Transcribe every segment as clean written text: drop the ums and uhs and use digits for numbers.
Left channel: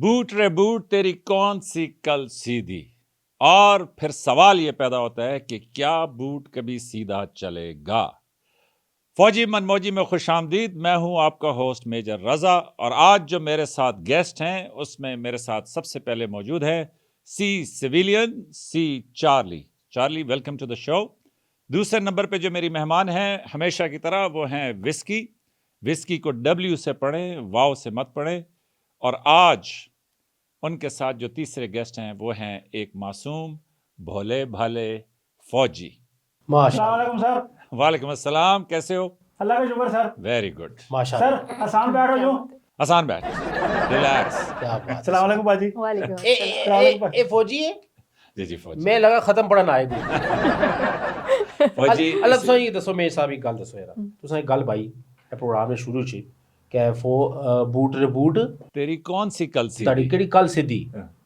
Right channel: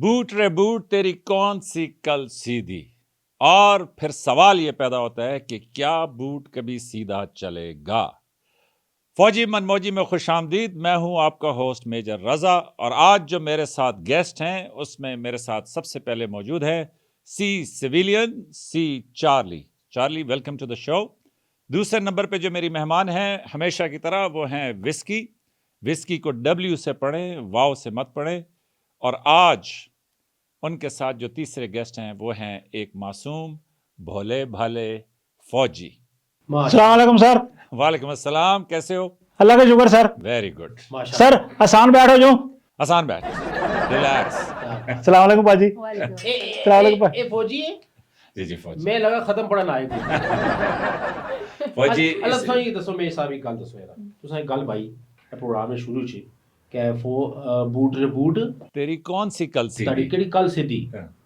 Boot रे boot तेरी कौन सी कल सीधी। और फिर सवाल ये पैदा होता है कि क्या बूट कभी सीधा चलेगा। फौजी मनमौजी में खुश आमदीद। मैं हूं आपका होस्ट मेजर रजा और आज जो मेरे साथ गेस्ट हैं उसमें मेरे साथ सबसे पहले मौजूद है C civilian C Charlie. Charlie, welcome to the show. दूसरे नंबर पे जो मेरी मेहमान हैं हमेशा की तरह वो हैं विस्की। विस्की को W से पढ़ें, वाव से मत पढ़ें। और आज उनके साथ जो तीसरे गेस्ट हैं वो हैं एक मासूम भोले भाले फौजी। अस्सलाम वालेकुम सर। वालेकुम अस्सलाम, कैसे हो? अल्लाह का शुक्र सर। वेरी गुड सर आसान बैठो जो। आसान बैठ, रिलैक्स। अस्सलाम वालेकुम पाजी। ए फौजी है जी जी फौजी। मैं लगा खत्म पढ़न आए फौजी अलग सो ये दसो मेरे साहब एक गल दसो यार तुसां एक गल पाई प्रोग्राम में शुरू च कि बूट रे बूट तेरी कौन सी कल सी ताड़ी केड़ी कल सीधी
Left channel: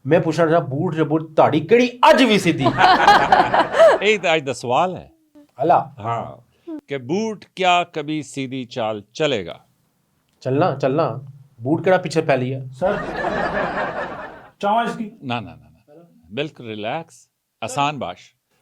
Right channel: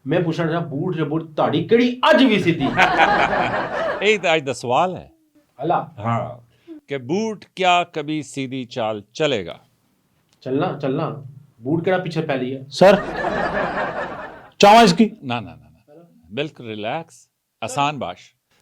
मैं पूछना रहा बूट रे बूट ताड़ी केड़ी अज भी सीधी यही तो आज दा सवाल है। अला हाँ कि बूट क्या कभी सीधी चाल चलेगा? चलना चलना बूट केड़ा पीछे पहली है सर चावा इसकी ना ना ना ना, बिल्कुल रिलैक्स। आसान बाश,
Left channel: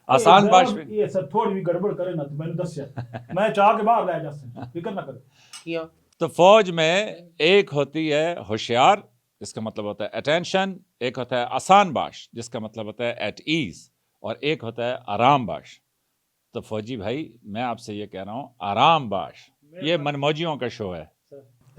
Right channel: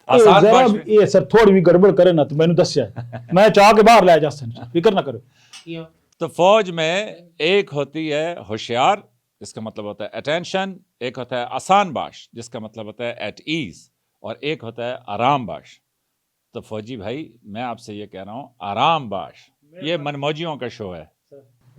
आसान बाश में ये सर थोड़ी भी गड़बड़ करे ना तो मैंने दस्या मैं चाह के बाहर ले जा सकता फिक्र ना करो। किया तो फौज में एक होती है होशियार, जिसका मतलब होता है अटेंशन, एक होता है आसान बाश जिसका मतलब होता है एट ईज, और एक होता है आराम बाश। तो फौजी भाई मैं आपसे ये कह रहा हूँ आराम बाश, ये मनमौजियों का शो है।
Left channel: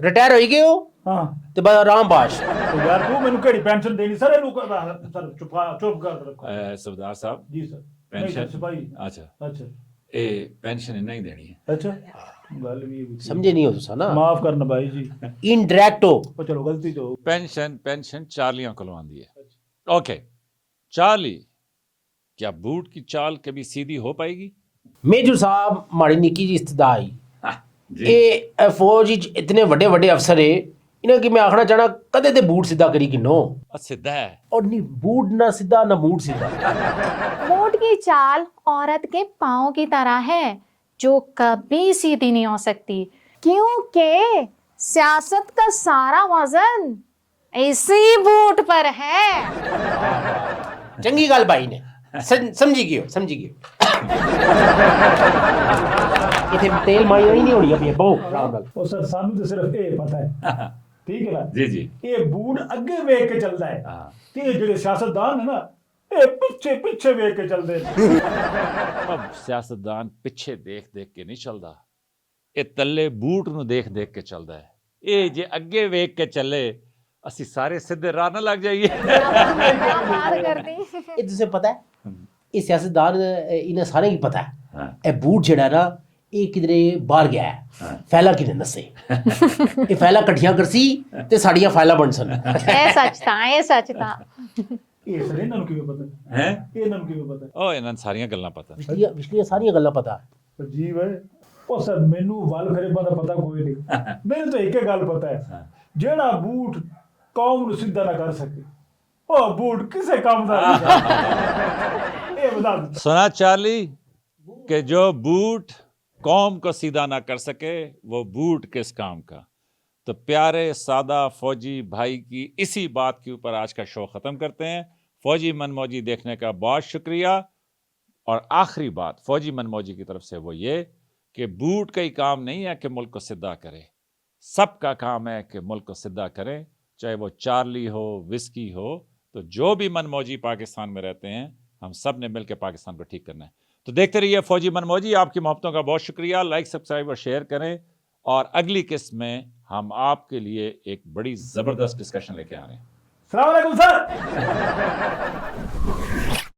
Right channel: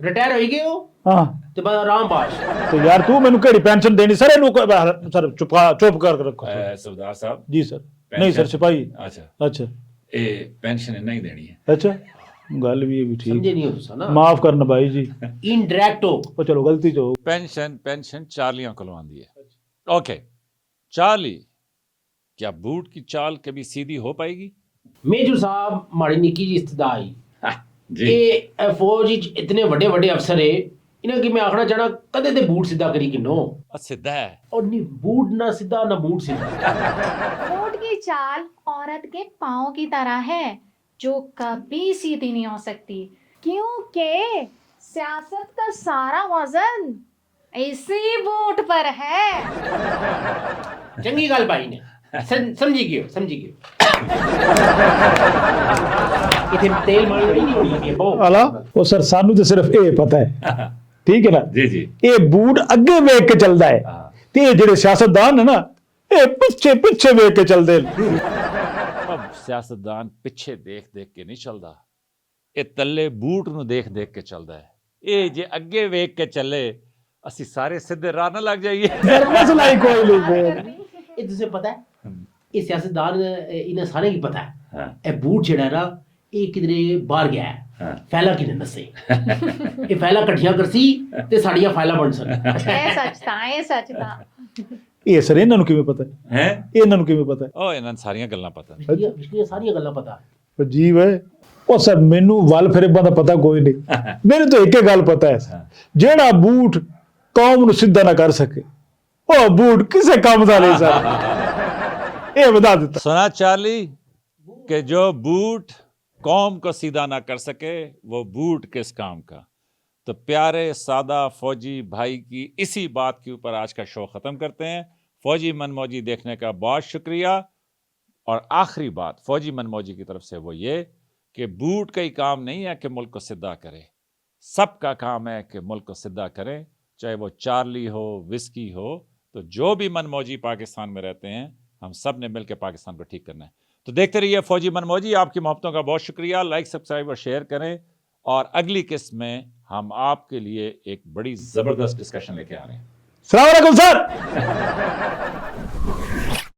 रिटायर हो गए हो हां ते बाद आराम बाश तो यार तू मैंने केड़ी पेंशन देनी सर इनको सर चुप कर रखो सरदार साहब जी सर। नहीं सर सिपाही। अच्छा अच्छा ये पेंशन नहीं देनी है। अच्छा गल भी ठीक समझे नहीं हो तुसा ना माफ करना भाई जी। इनडायरेक्ट हो ओ चलो गलती तो पेंशन पेंशन चार्लियां खुलवांदी है। ओके चार्ली, क्या बूट की चाल कभी सीधी हो पाएगी? मेजर साहब माड़ी निकी जी इस्तदाई जी ये फौज विच इतने बड़े बड़े अफसर है इन्हें कि मैं आखना चाहना कदे ते बूट सीधा करी कि नो सीधा है। और नहीं बूट ना सीधा ना बूट सीधा ऊंट की चाल औरत के पाँव की तरह है जो कभी सीधी नहीं हो सकती क्योंकि सियासत का सारा वजन इसी बूट पर है। चंगी गल भाई ने समझी गयो इथे तेल मार नहीं होनी अपनी बहु अला ओ सर सानू तो सिर्फ ए पता है ठीक है ना जी जी ये बूट अगे वेख के चलदा है ते जेड़े सियासतदान है ना ये पीछे पीछे वेख के चलदे। अब सियासतदान पिछे देख देख के नहीं चलदा, ये तल्ले बूट नूं देख देख के चलदा है। ये जे अगे वेख के चले असी सारे सीधे राह ना लग जाइए। ये तुझे पता है ये सियासतदान इन्हें सारे ही पता है ए बूट जेड़ा ना ये किधरे बाहर गया है फैला किने नसे ये फैला कठियां करसी ते साड़ियां फैला बन सन ये सच था ये सर इन्हां नु किवें पता हैं इन्हां नु किवें पता ओ इन्हां सारियां गल्लां पता। पिछली सारी गल्लां पता अजीब है ओ सर मेनू वल फिरे दा पता कोई नहीं मेरे तो एक गल पता है जेड़ा बूट कौम नु सीधा ना कर सके ओ बूट किसे काम दा नहीं सर ये बता देता। सुना चार्ली कि जो बूट कौम को सीधा ना कर सके वो बूट किस काम का। तो प्यारे सादा फौजी भाई की इसी बात के ऊपर आज का शो ख़त्म करते हैं। फौजी मनमौजी देखने का बहुत शुक्रिया। और आखिरी बात फौजी मनमौजी की तरफ से वो ये कि बूट का ही काम नहीं है कि मुल्क को सीधा करे, सबका काम है कि मुल्क को सीधा करें, चाहे वो चार्ली हो विस्की हो। तो जो भी मनमौजी पाकिस्तान में रहते हैं हम सब ने मिलकर पाकिस्तान को ठीक करना है। तो देखते रहिए फौजी मनमौजी। आपकी मोहब्बतों का बहुत शुक्रिया। लाइक सब्सक्राइब और शेयर करें। और अगली किस्त में हम आपके लिए एक बड़ी ज़बरदस्त डिस्कशन लेके आ रहे हैं। अस्सलाम वालेकुम सर।